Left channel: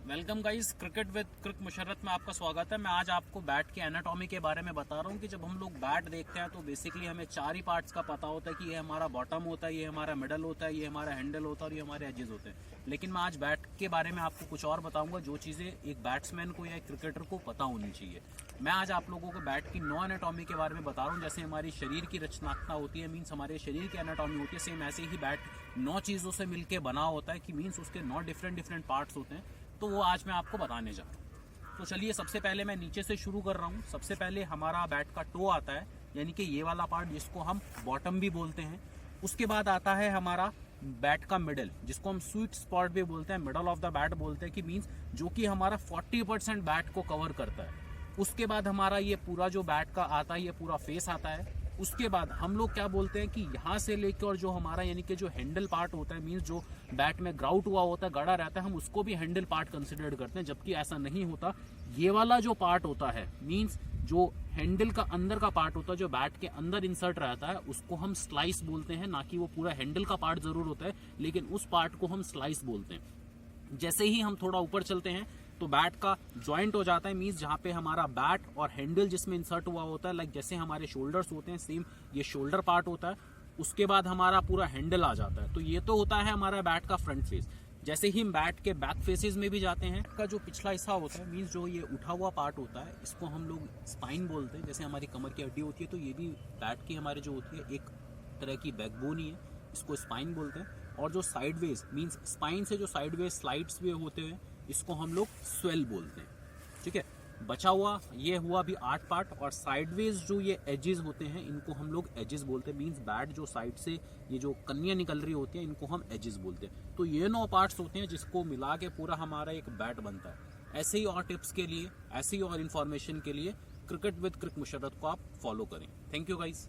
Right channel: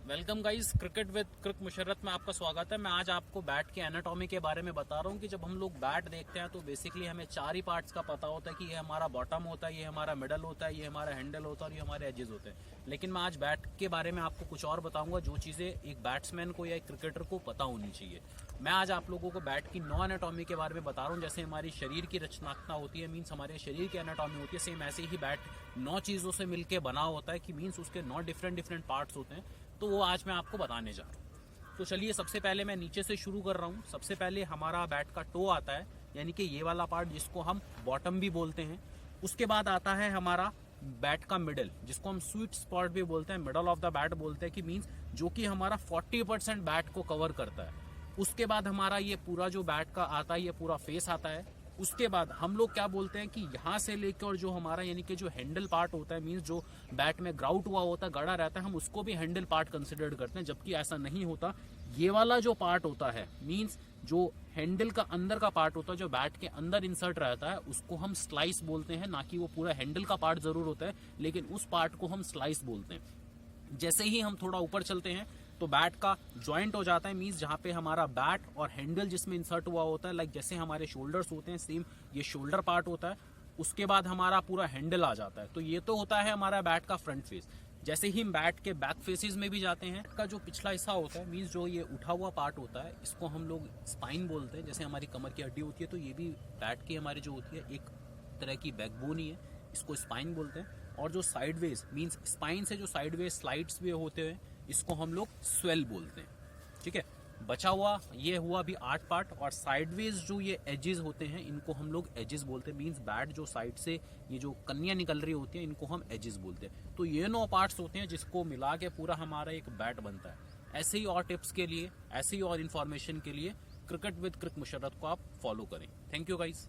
Welcome guys, cricket with क्रिक मुशर्रत में आपका स्वागत है। मैं आज आपको बैट की एनाटॉमी के बारे में बता रहा हूँ कि जब हम लोग बैट देखते हैं तो बेसिकली हमें चार ही पार्ट्स का पता होता है कि ये हमारा बॉटम होता है, ये हमारा मिडल होता है, ये हमारा हैंडल होता है और ये हमारे एजेस होते हैं। लेकिन मैं आज बैट के बारे में आपको कुछ और बताऊंगा जो चीज़ें एक बैट्समैन को या एक क्रिकेटर को पता होनी चाहिए। मैं आज आप लोगों को बैट की 9 एनाटॉमी के बारे में बता रहा हूँ। जैसे हमारी शरीर की रचनात्मकता होती है, मीन्स हमारे शरीर की एनाटॉमी होती है, सेम ऐसे ही बैट 9 चीज़ों से मिलकर बना होता है कि मीन्स उसके 9 डिफरेंट पार्ट्स होते हैं। तो वो आज मैं आपको बताने जा रहा हूँ। तो चलिए, सबसे पहले मैं नीचे से शुरू कर रहा हूँ। सबसे पहले हमारा बैट का टो आता है, यानी कि ये वाला पार्ट जिसको हम बॉटम भी बोलते हैं। उसके बाद आता है हमारा बैट का मिडल, जिसको हम स्वीट स्पॉट भी बोलते हैं, मिडल ऑफ द बैट बोलते हैं, कि मीन्स जो कि हमारा 40% बैट को कवर करता है। उसके बाद हमारा ये पूरा जो बैट का आता है, ये पूरा फेस आता है। उसके बाद हम लोग क्या बोलते हैं कि यहाँ से लेकर और जो हमारा यानी कि जो हैंडल पार्ट होता है, मीन्स जो बैट में ग्राउट हुआ होता है, गड़ा रहता है, हम उसको भी हैंडल पार्ट कंसिडर करते हैं, जबकि ऐसा नहीं होता। ये वाला जो पार्ट होता है, मीन्स जो हैंडल का अंदर का पार्ट होता है, जो बैट के अंदर इंसर्ट रहता है, उसको हम स्लाइस बोलते हैं। ना कि वो पूरा हैंडल का पार्ट जरूर होता है, लेकिन उस पार्ट को हम स्लाइस बोलते हैं। जैसे ही हम थोड़ा ऊपर चलते हैं तो बैट का जॉइंट हो जाता है, मीन्स जहाँ पे हमारा बैट और हैंडल जिसमें इंसर्ट हुआ होता है, लाइक जैसे हमारे शोल्डर्स होते हैं, सेम ये शोल्डर पार्ट होता है। उसके बाद हमारा पूरा हैंडल आ जाता है। तो ये तो होता है हमारा बैट का फ्रंट फेस। जैसे ही हम बैट के बैक फेसेस में भी जाते हैं, का जो पिछला हिस्सा होता है, मीन्स जो ये उठा हुआ पार्ट होता है, इसको हम लोग स्पाइन बोलते हैं। जैसे हमारी कमर की हड्डी होती है, तो ये भी बैट की हमारी जो होती है एक तरह की बैकबोन ही है, इसको स्पाइन बोलते हैं। और जो साइडवेज मीन्स स्पाइन से जो साइडवेज स्लाइड्स भी होते हैं, इसको हम लोग स्वेल बोलते हैं। ठीक है, बचा हुआ ये हुआ अभी 8 पार्ट, और साइडवेज जो ये एजेस होते हैं, इनको हम लोग एजेस बोलते हैं। मीन्स बैट जो साइड से ये जो कन्नियाँ निकल रही होती हैं, इनको हम एजेस बोलते हैं। तो ये 9 पार्ट्स होते हैं जिसको मिला के पूरा हमारा एक बैट बनता है। ऐसे ही और टिप्स के लिए, ऐसे ही और इन्फॉर्मेशन के लिए क्रिकेट विद क्रिक मुशर्रत को आप फॉलो करें। Thank you guys.